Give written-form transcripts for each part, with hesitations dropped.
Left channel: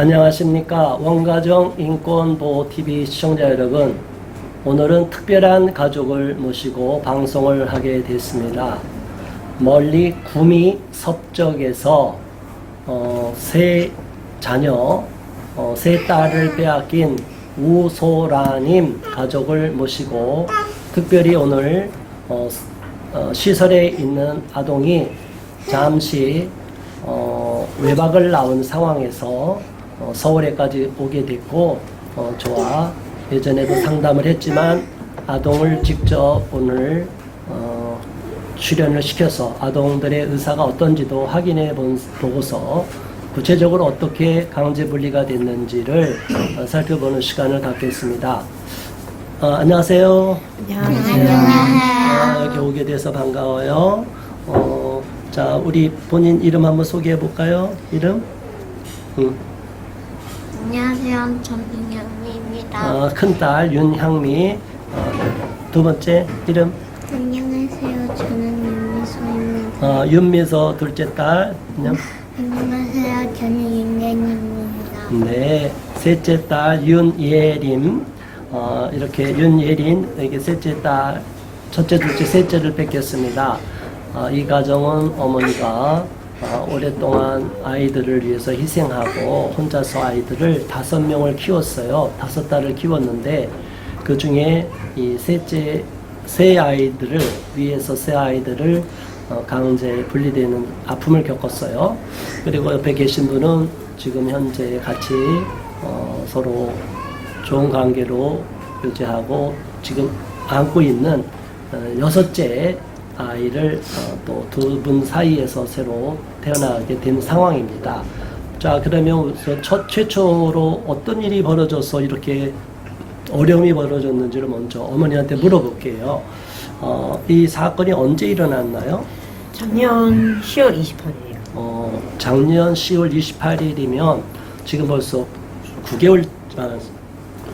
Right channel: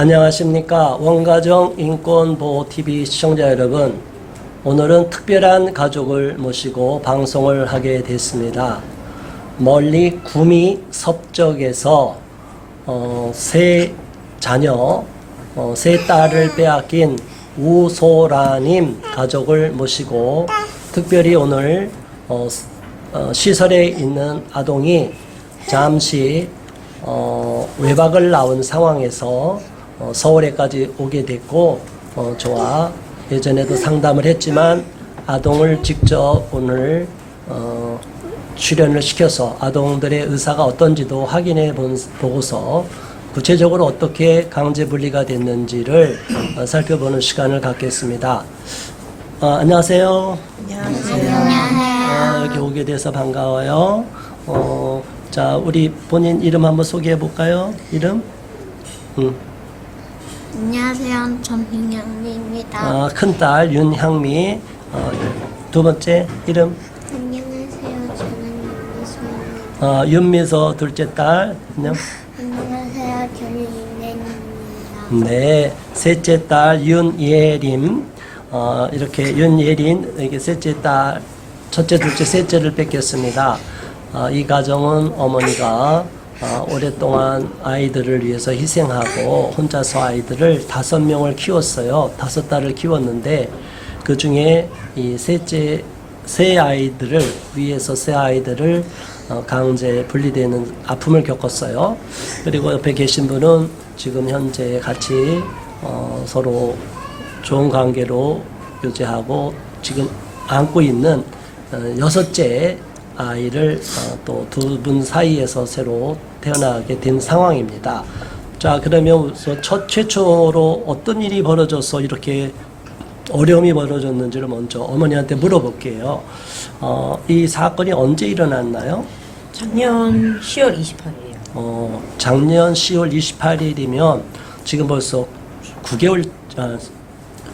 안녕하십니까. 원가정 인권보호TV 시청자 여러분, 오늘은 특별한 가족을 모시고 방송을 하게 됐습니다. 멀리 구미 섭적에서 세 자녀, 세 딸을 빼앗긴 우소라님 가족을 모시고 특별히 오늘 시설에 있는 아동이 잠시 외박을 나온 상황에서 서울에까지 오게 됐고, 저와 예전에도 상담을 했지만 아동을 직접 오늘 출연을 시켜서 아동들의 의사가 어떤지도 확인해 보고서 구체적으로 어떻게 강제 분리가 됐는지를 살펴보는 시간을 갖겠습니다. 안녕하세요. 안녕하세요. 여기 오게 돼서 반가워요. 자, 우리 본인 이름 한번 소개해 볼까요? 이름? 안녕하세요. 전민경입니다. 큰딸 윤향미. 두 번째 이름? 안녕하세요. 저는 윤미소입니다. 윤미소. 둘째 딸 안녕. 안녕하세요. 저는 윤예린입니다. 네. 셋째 딸 윤예림. 이렇게 윤예린, 여기 셋째 딸, 첫째, 둘째, 셋째를 뺏겼습니다. 이 가정은 어머니가 오랫동안 아이들을 위해서 희생하고 혼자서 아이들을 5명을 키웠어요. 5딸을 키웠는데 그 중에 이 셋째 세 아이들을 위해서 세 아이들을 강제 분리되는 아픔을 겪었어요. 그리고 옆에 계신 분은 지금 현재 같이 서로 좋은 관계로 유지하고 지금 안고 있는 6째 아이를 또 두 분 사이에서 새로 태어나게 된 상황입니다. 자, 그러면 최초로 어떤 일이 벌어져서 이렇게 어려움이 벌어졌는지를 먼저 어머니한테 물어볼게요. 이 사건이 언제 일어났나요? 작년 10월 28일이에요. 작년 10월 28일이면 지금 벌써 9개월,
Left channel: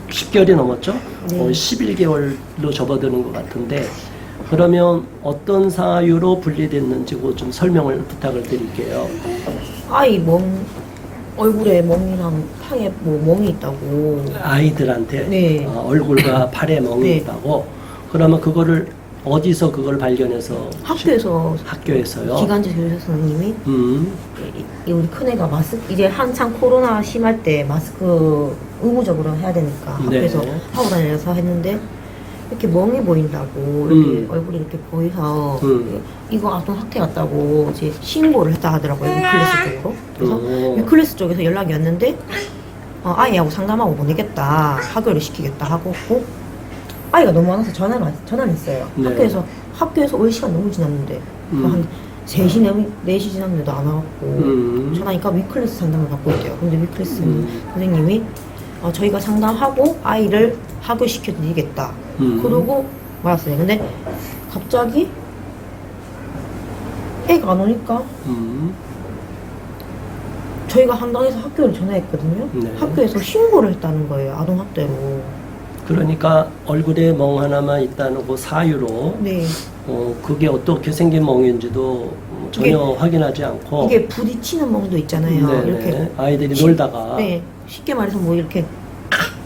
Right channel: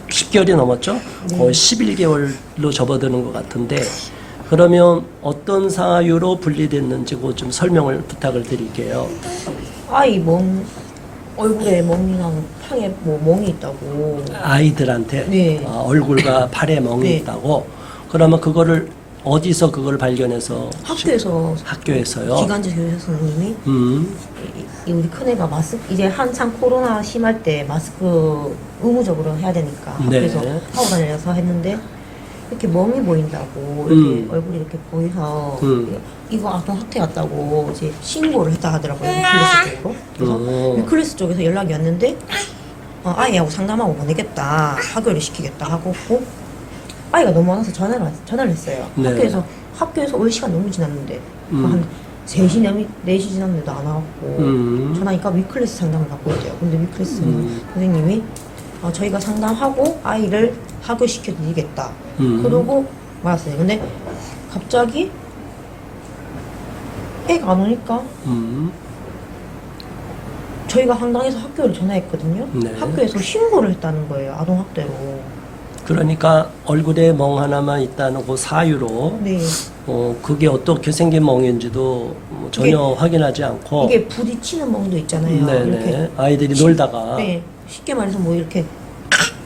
10개월이 넘었죠? 네. 11개월로 접어드는 것 같은데, 그러면 어떤 사유로 분리됐는지 좀 설명을 부탁을 드릴게요. 아이 얼굴에 멍이랑 팔에 멍이 있다고. 아이들한테 네. 얼굴과 팔에 멍이 네. 있다고. 그러면 그거를 어디서 그걸 발견해서? 학교에서요? 기간제 교사 선생님이 우리 큰애가 이제 한창 코로나 심할 때 마스크 의무적으로 해야 되니까 네. 학교에서 하고 다녀서 했는데 이렇게 멍이 보인다고 이렇게 얼굴이 이렇게 보여서 이거 아동 학대 같다고 이제 신고를 했다 하더라고요. 위클래스 쪽으로. 그래서 위클래스 쪽에서 연락이 왔는데 아이하고 상담하고 보내겠다, 하교를 시키겠다 하고 아이가 너무 많아서 전화를 했어요. 네. 학교에서 올 시간 너무 지났는데 한 3시, 4시 지났는데도 안 와갖고 전화하니까 위클래스 상담을 받고 있대요. 근데 위클래스 선생님이 저희가 상담하고 아이를 하교시켜드리겠다. 그러고 말았어요. 근데 갑자기 애가 안 오니까 저희가 상담해서 학교를 전화했거든요. 네. 학교에서 신고를 했다는 거예요. 아동학대로. 그러니까 얼굴에 멍 하나만 있다는 그 사유로 네. 그게 어떻게 생긴 멍인지도 전혀 확인하지 않고 이게 부딪히는 멍도 있잖아요. 네네. 이렇게 아이들이 놀다가 네. 쉽게 말해서 이렇게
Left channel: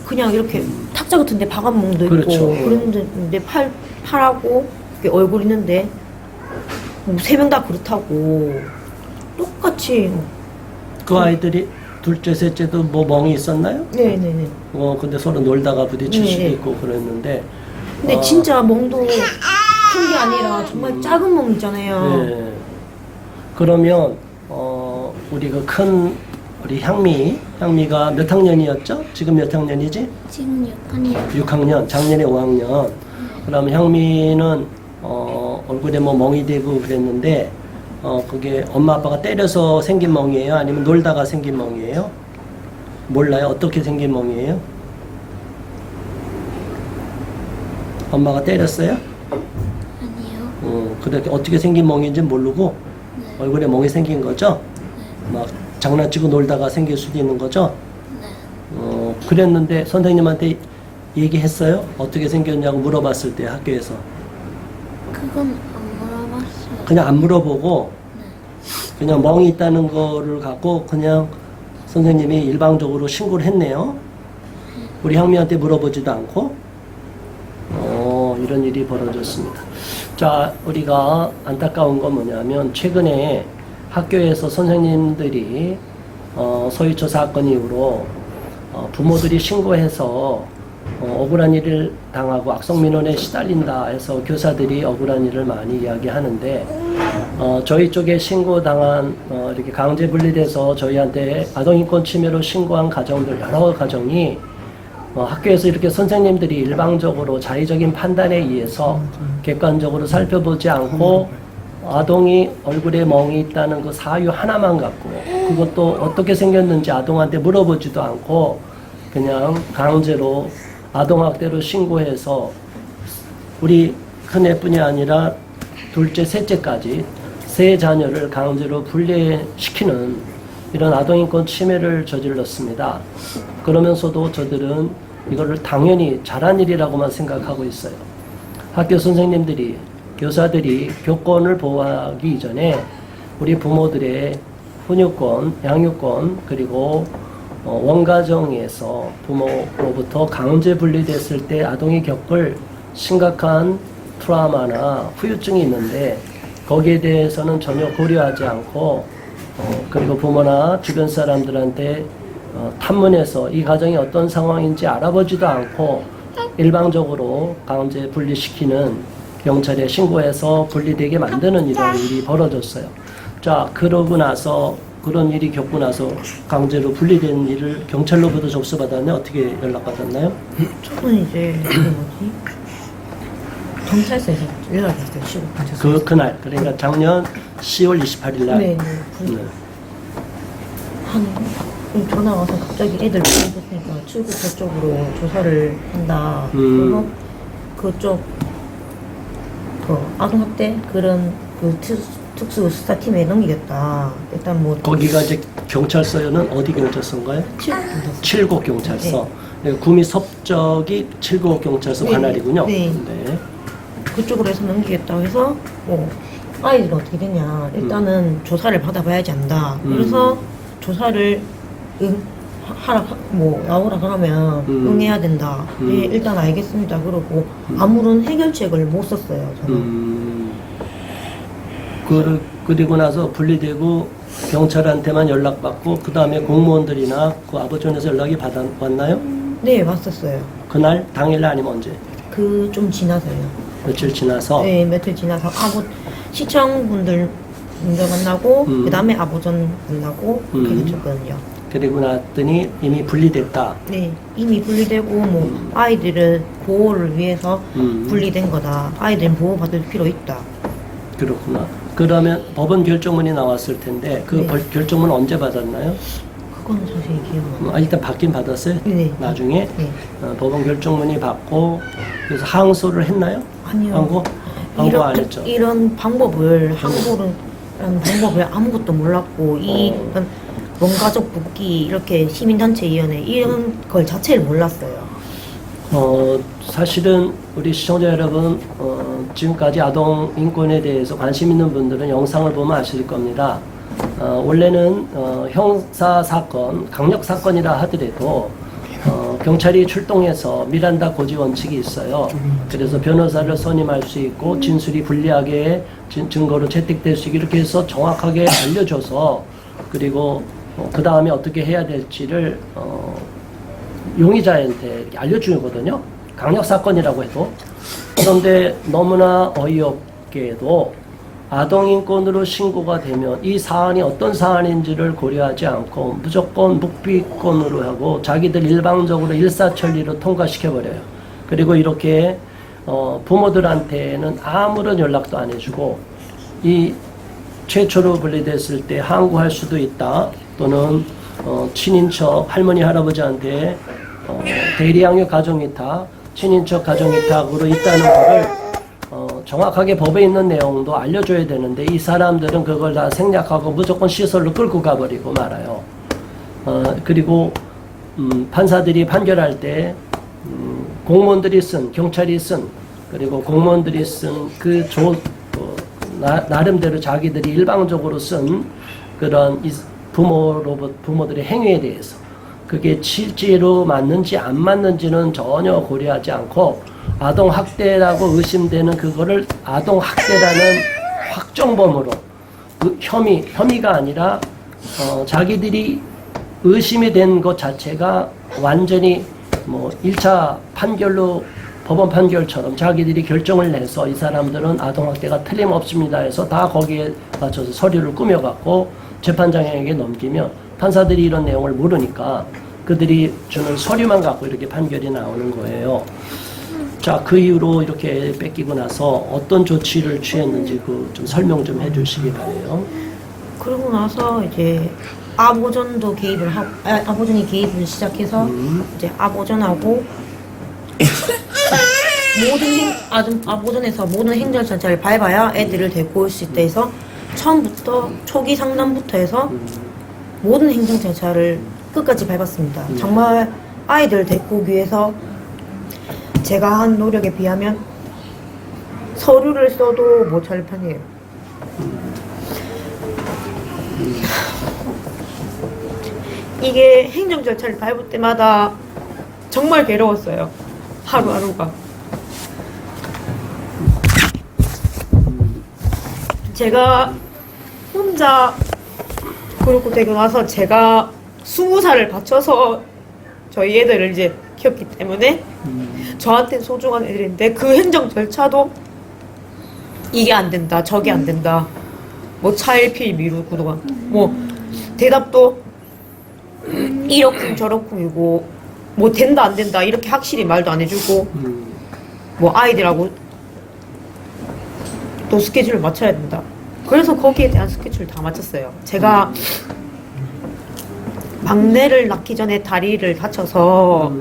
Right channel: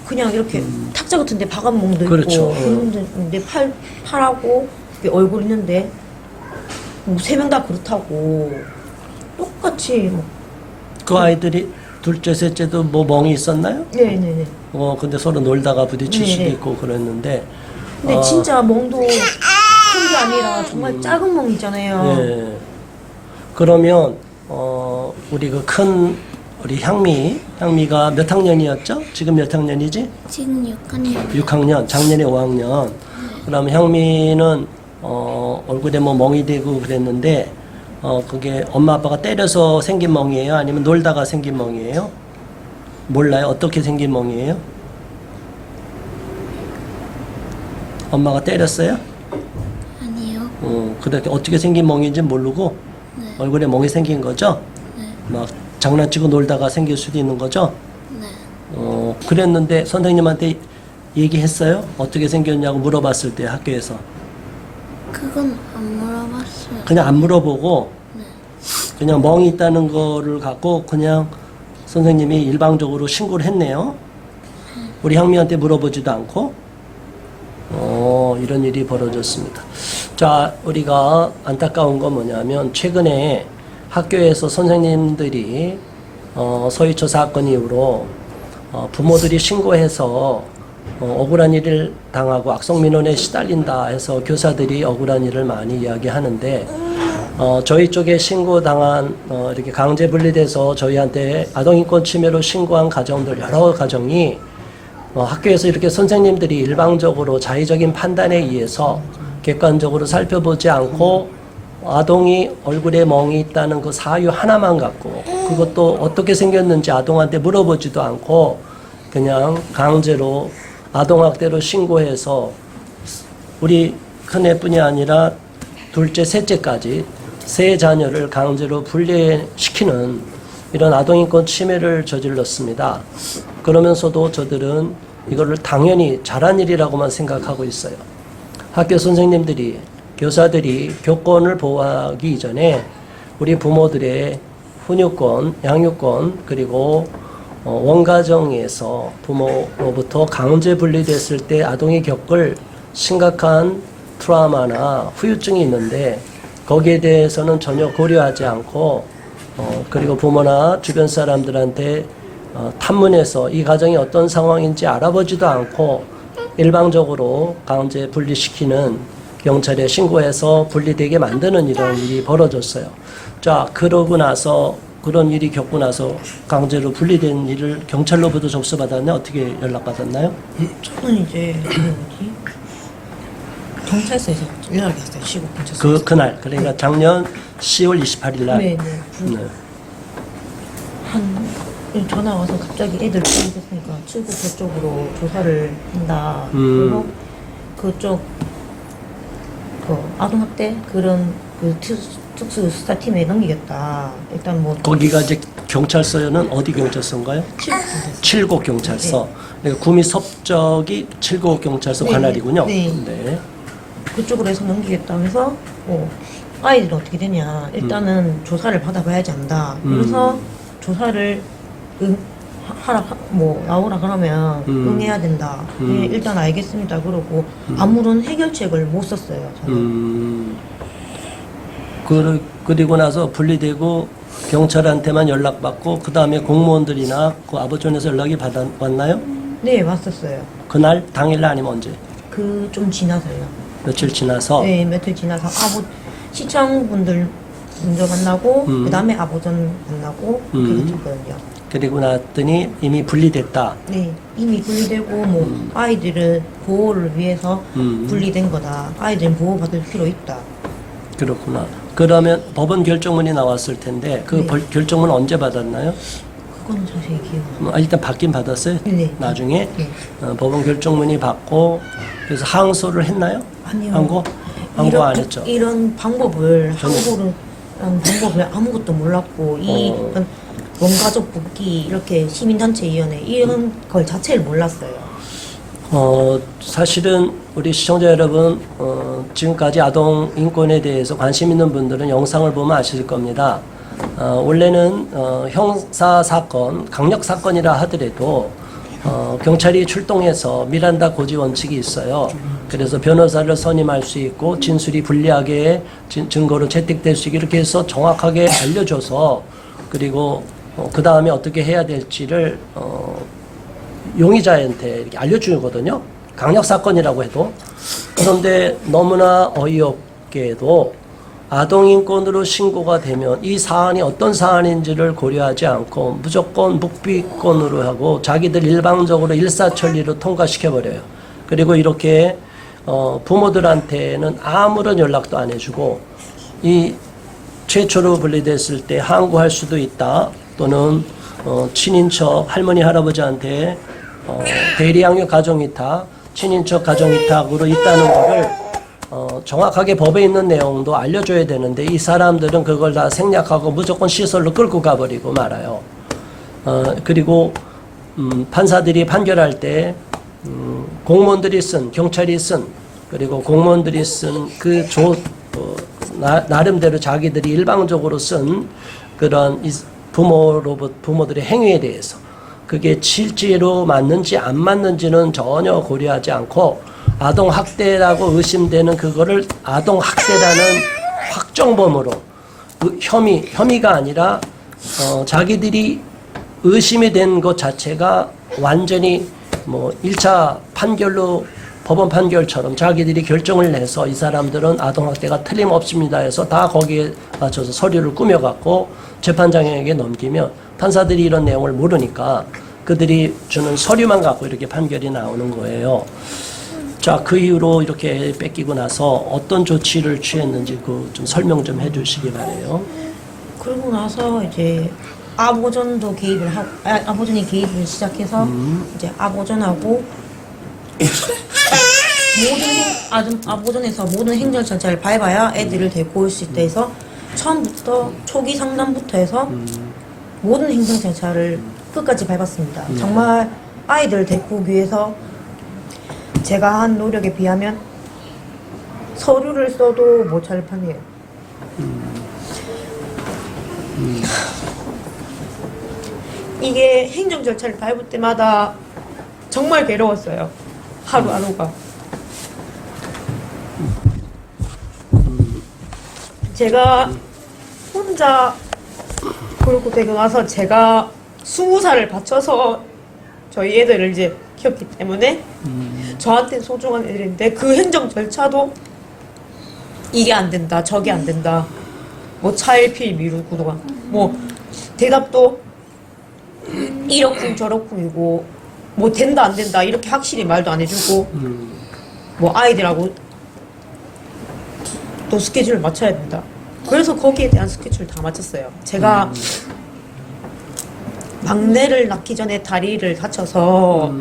그냥 이렇게 탁자 같은데 박은 멍도 그렇죠. 있고 그런데 내 팔하고 이렇게 얼굴 있는데 3명 다 그렇다고 똑같이 그 아이들이 둘째, 셋째도 멍이 있었나요? 네네네. 근데 서로 놀다가 부딪힐 수도 네. 있고 그랬는데. 근데 진짜 멍도 큰 게 아니라 정말 작은 멍 있잖아요. 네. 그러면 우리 우리 향미가 몇 학년이었죠? 지금 몇 학년이지? 지금 6학년. 6학년, 작년에 5학년. 그럼 향미는 얼굴에 멍이 되고 그랬는데 그게 엄마 아빠가 때려서 생긴 멍이에요? 아니면 놀다가 생긴 멍이에요? 몰라요? 어떻게 생긴 멍이에요? 엄마가 때렸어요? 아니요. 그렇게 어떻게 생긴 멍인지 모르고 네. 얼굴에 멍이 생긴 거죠? 네. 막 장난치고 놀다가 생길 수도 있는 거죠? 네. 그랬는데 선생님한테 얘기했어요? 어떻게 생겼냐고 물어봤을 때 학교에서. 그건 안 물어봤어요. 그냥 안 물어보고 네. 그냥 멍이 있다는 거를 갖고 그냥 선생님이 일방적으로 신고를 했네요. 우리 향미한테 물어보지도 않고 이런 일이 벌어졌습니다. 자, 우리가 안타까운 건 뭐냐면 최근에 학교에서 선생님들이 서희초 사건 이후로 부모들이 신고해서 억울한 일을 당하고 악성민원에 시달린다 해서 교사들이 억울한 일을 많이 이야기하는데 저희 쪽에 신고당한 이렇게 강제 분리돼서 저희한테 아동인권 침해로 신고한 가정들 여러 가정이 학교에서 이렇게 선생님들이 일방적으로 자의적인 판단에 의해서 객관적으로 살펴보지 않고 아동이 얼굴에 멍이 있다는 그 사유 하나만 갖고 그것도 어떻게 생겼는지 아동한테 물어보지도 않고 그냥 강제로 아동학대로 신고해서 우리 큰애뿐이 아니라 둘째, 셋째까지 세 자녀를 강제로 분리시키는 이런 아동인권 침해를 저질렀습니다. 그러면서도 저들은 이거를 당연히 잘한 일이라고만 생각하고 있어요. 학교 선생님들이, 교사들이 교권을 보호하기 이전에 우리 부모들의 훈육권, 양육권, 그리고 원가정에서 부모로부터 강제 분리됐을 때 아동이 겪을 심각한 트라우마나 후유증이 있는데 거기에 대해서는 전혀 고려하지 않고 그리고 부모나 주변 사람들한테 탐문해서 이 가정이 어떤 상황인지 알아보지도 않고 일방적으로 강제 분리시키는 경찰에 신고해서 분리되게 만드는 이런 일이 벌어졌어요. 자, 그러고 나서 그런 일이 겪고 나서 강제로 분리된 일을 경찰로부터 접수받았는데 어떻게 연락받았나요? 저는 이제 경찰서에서 연락이 왔어요. 시국 경찰서에서. 그날 그러니까 작년 10월 28일 날. 네. 전화 와서 갑자기 애들 보냈으니까 출국 그쪽으로 조사를 한다. 그래서 그쪽 아동학대 그런 특수 수사팀에 넘기겠다. 일단 뭐 거기가 이제 경찰서는 어디 경찰서인가요? 칠곡 경찰서. 네. 구미 섭적이 칠곡 경찰서 네, 관할이군요. 네. 그쪽으로 해서 넘기겠다고 해서 아이들은 어떻게 되냐. 일단은 조사를 받아봐야지 안다. 그래서 조사를 나오라 그러면 응해야 된다. 네, 일단 알겠습니다. 그러고 아무런 해결책을 못 썼어요. 저는. 그리고 나서 분리되고 경찰한테만 연락받고 그 다음에 공무원들이나 그 아버지원에서 연락이 왔나요? 네, 왔었어요. 그날 당일날 아니면 언제? 좀 지나서요. 며칠 지나서? 네, 며칠 지나서 시청분들 먼저 만나고 그 다음에 아버전 만나고 그렇게 됐거든요. 그리고 났더니 이미 분리됐다. 네, 이미 분리되고 아이들을 보호를 위해서 분리된 거다. 아이들은 보호받을 필요 있다. 그렇구나. 그러면 법원 결정문이 나왔을 텐데 그 네. 결정문 언제 받았나요? 그건 자세히 기억 안 나요. 일단 받긴 받았어요? 네. 나중에? 네. 법원 결정문이 받고 그래서 항소를 했나요? 아니요. 항고 안 했죠? 이런 방법을 항고를 하는 방법을 아무것도 몰랐고 이런 원가족 복귀 이렇게 시민단체위원회 이런 걸 자체를 몰랐어요. 사실은 우리 시청자 여러분 지금까지 아동 인권에 대해서 관심 있는 분들은 영상을 보면 아실 겁니다. 원래는 형사 사건, 강력 사건이라 하더라도 경찰이 출동해서 미란다 고지 원칙이 있어요. 그래서 변호사를 선임할 수 있고 진술이 불리하게 증거로 채택될 수 있게 이렇게 해서 정확하게 알려줘서 그리고 그 다음에 어떻게 해야 될지를 용의자한테 이렇게 알려주거든요. 강력 사건이라고 해도. 그런데 너무나 어이없게도 아동인권으로 신고가 되면 이 사안이 어떤 사안인지를 고려하지 않고 무조건 묵비권으로 하고 자기들 일방적으로 일사천리로 통과시켜버려요. 그리고 이렇게 부모들한테는 아무런 연락도 안 해주고 이 최초로 분리됐을 때 항고할 수도 있다. 또는 친인척 할머니 할아버지한테 대리양육 가정위탁, 친인척 가정위탁으로 있다는 거를 정확하게 법에 있는 내용도 알려줘야 되는데 이 사람들은 그걸 다 생략하고 무조건 시설로 끌고 가버리고 말아요. 그리고 판사들이 판결할 때 공무원들이 쓴, 경찰이 쓴, 그리고 공무원들이 쓴 나름대로 자기들이 일방적으로 쓴 그런 부모들의 행위에 대해서 그게 실제로 맞는지 안 맞는지는 전혀 고려하지 않고 아동 학대라고 의심되는 그거를 아동 학대라는 확정범으로 그 혐의가 아니라 자기들이 의심이 된 것 자체가 완전히 뭐 1차 판결로 법원 판결처럼 자기들이 결정을 내서 이 사람들은 아동학대가 틀림없습니다 해서 다 거기에 맞춰서 서류를 꾸며갖고 재판장에게 넘기면 판사들이 이런 내용을 모르니까 그들이 주는 서류만 갖고 이렇게 판결이 나오는 거예요. 자, 그 이후로 이렇게 뺏기고 나서 어떤 조치를 취했는지 그 좀 설명 좀 해주시기 바래요. 그러고 나서 이제 아보전도 개입을 하고 아보전이 개입을 시작해서 이제 아보전하고 아보전에서 모든 행정 절차를 밟아야 애들을 데리고 올 수 있다 해서 처음부터 초기 상담부터 해서 모든 행정 절차를 끝까지 밟았습니다. 정말 아이들을 데리고 오기 위해서 제가 한 노력에 비하면 서류를 써도 못 찾을 판이에요. 이게 행정 절차를 밟을 때마다 정말 괴로웠어요. 하루하루가. 제가 혼자 그렇고 되고 나서 제가 20살을 바쳐서 저희 애들을 이제 키웠기 때문에 저한테는 소중한 애들인데 그 행정 절차도 이게 안 된다, 저게 안 된다, 뭐 차일피일 미루고도가 뭐 대답도 이렇쿵 저렇쿵이고 뭐 된다 안 된다 이렇게 확실히 말도 안 해주고 뭐 아이들하고 또 스케줄을 맞춰야 된다. 그래서 거기에 대한 스케줄을 다 맞췄어요. 제가 막내를 낳기 전에 다리를 다쳐서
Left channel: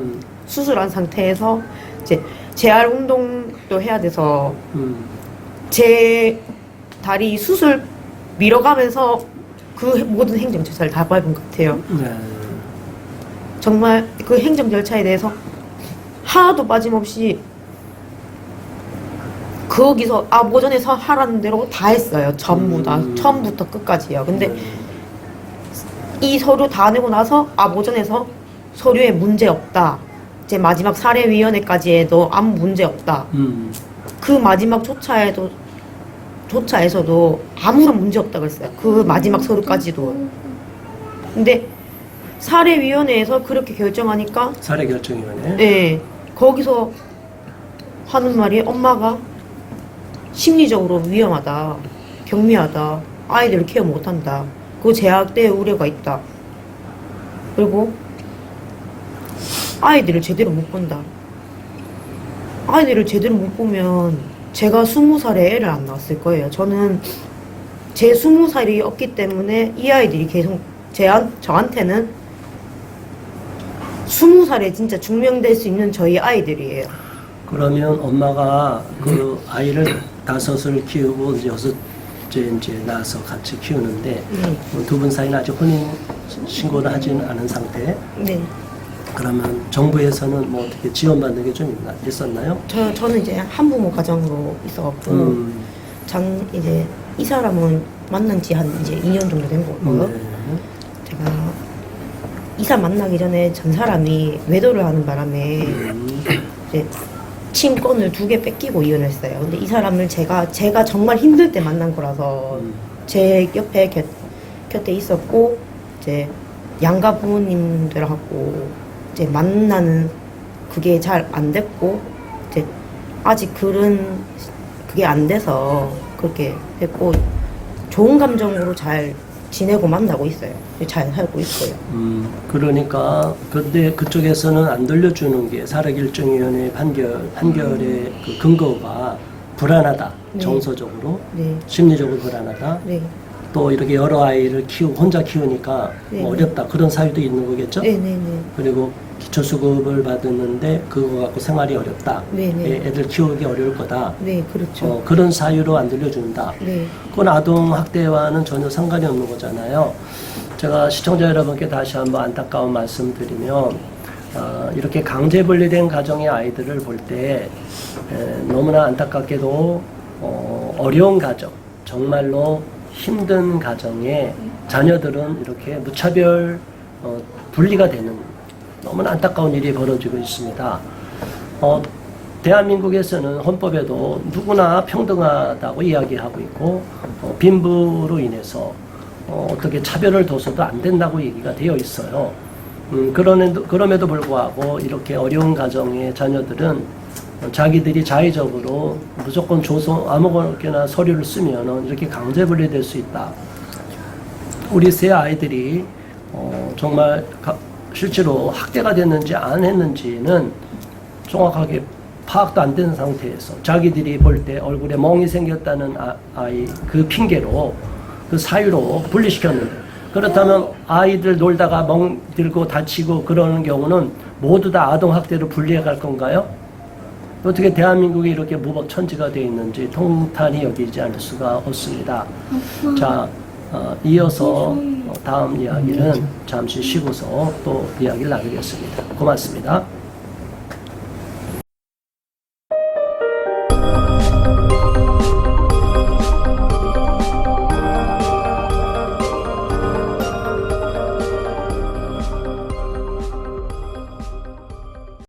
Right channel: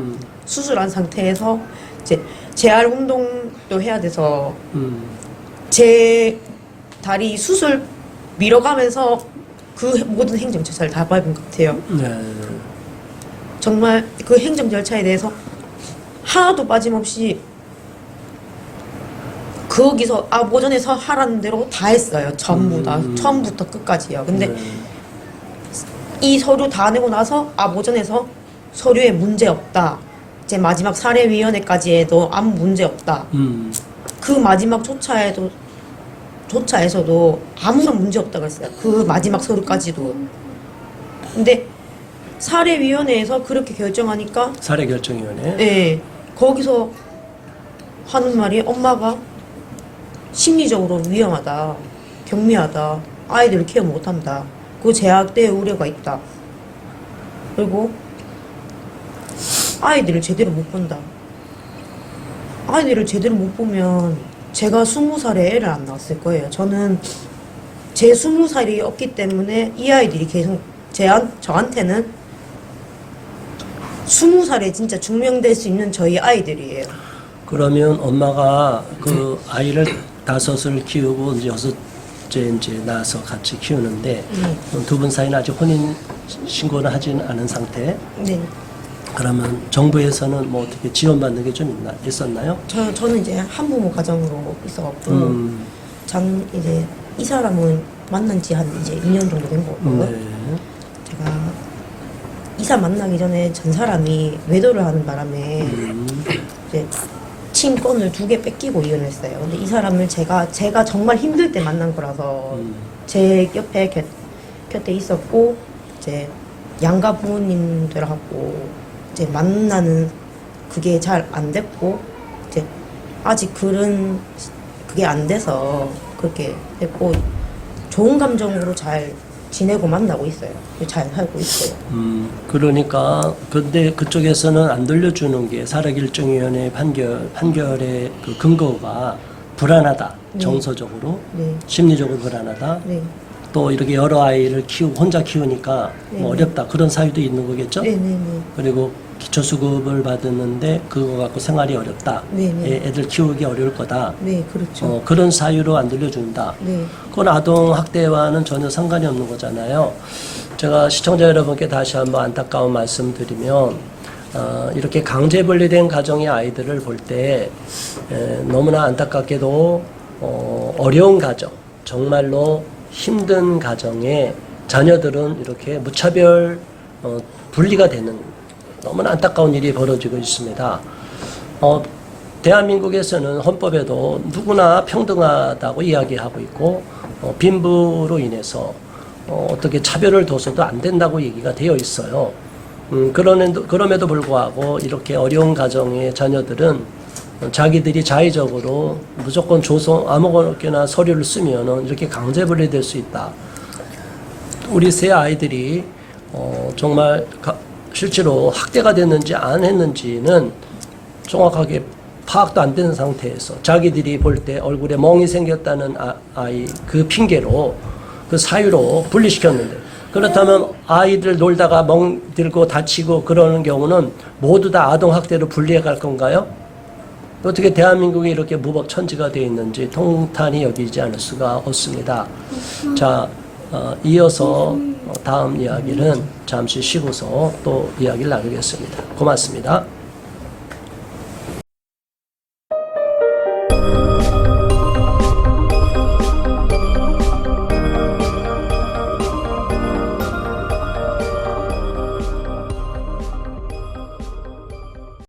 수술한 상태에서 이제 재활 운동도 해야 돼서 제 다리 수술 밀어가면서 그 모든 행정 절차를 다 밟은 것 같아요. 네. 정말 그 행정 절차에 대해서 하나도 빠짐없이 거기서 아보전에서 하라는 대로 다 했어요. 전부 다 처음부터 끝까지요. 근데 이 서류 다 내고 나서 아보전에서 서류에 문제 없다. 이제 마지막 사례위원회까지 해도 아무 문제 없다. 그 마지막 조차에서도 아무런 문제 없다고 했어요. 그 마지막 서류까지도. 근데 사례위원회에서 그렇게 결정하니까 사례결정위원회. 네, 거기서 하는 말이 엄마가 심리적으로 위험하다, 경미하다, 아이들을 케어 못한다, 그 제약대의 우려가 있다, 그리고 아이들을 제대로 못 본다. 아이들을 제대로 못 보면 제가 20살에 애를 안 낳았을 거예요. 저는 제 20살이 없기 때문에 이 아이들이 계속 저한테는 20살에 진짜 증명될 수 있는 저희 아이들이에요. 그러면 엄마가 그 아이를 5을 키우고 이제 6째 이제 낳아서 같이 키우는데 두 분 사이는 아직 혼인 신고를 하지는 않은 상태. 네. 그러면 정부에서는 뭐 어떻게 지원받는 게 좀 있었나요? 저는 이제 한부모 가정으로 있어갖고 이제 이 사람은 만난 지 한 이제 2년 정도 된 거고요. 네. 제가 이사 만나기 전에 전 사람이 외도를 하는 바람에 이제 친권을 2개 뺏기고 이혼을 했어요. 근데 이 사람을 제가 정말 힘들 때 만난 거라서 제 옆에 곁에 있었고 이제 양가 부모님들하고 이제 만나는 그게 잘 안 됐고 이제 아직 그게 안 돼서 그렇게 됐고 좋은 감정으로 잘 지내고 만나고 있어요. 잘 살고 있고요. 그러니까 근데 그쪽에서는 안 돌려주는 게 사례결정위원회 판결의 그 근거가 불안하다. 네. 정서적으로, 네. 심리적으로 불안하다. 네. 또 이렇게 여러 아이를 혼자 키우니까 네, 뭐 어렵다. 그런 사유도 있는 거겠죠? 네네네. 그리고 기초수급을 받았는데 그거 갖고 생활이 어렵다. 네네. 애들 키우기 어려울 거다. 네, 그렇죠. 그런 사유로 안 돌려준다. 네. 그건 아동학대와는 전혀 상관이 없는 거잖아요. 제가 시청자 여러분께 다시 한번 안타까운 말씀 드리면 이렇게 강제 분리된 가정의 아이들을 볼 때 너무나 안타깝게도 어려운 가정, 정말로 힘든 가정에 자녀들은 이렇게 무차별 분리가 되는 너무나 안타까운 일이 벌어지고 있습니다. 대한민국에서는 헌법에도 누구나 평등하다고 이야기하고 있고 빈부로 인해서 어떻게 차별을 둬서도 안 된다고 얘기가 되어 있어요. 그럼에도 불구하고 이렇게 어려운 가정의 자녀들은 자기들이 자의적으로 무조건 줘서 아무거나 서류를 쓰면은 이렇게 강제 분리될 수 있다. 우리 세 아이들이 정말 실제로 학대가 됐는지 안 했는지는 정확하게 파악도 안 되는 상태에서 자기들이 볼 때 얼굴에 멍이 생겼다는 아이 그 핑계로 그 사유로 분리시켰는데, 그렇다면 아이들 놀다가 멍 들고 다치고 그러는 경우는 모두 다 아동학대로 분리해 갈 건가요? 어떻게 대한민국이 이렇게 무법천지가 되어 있는지 통탄이 여기지 않을 수가 없습니다. 자, 이어서 다음 이야기는 잠시 쉬고서 또 이야기를 나누겠습니다. 고맙습니다.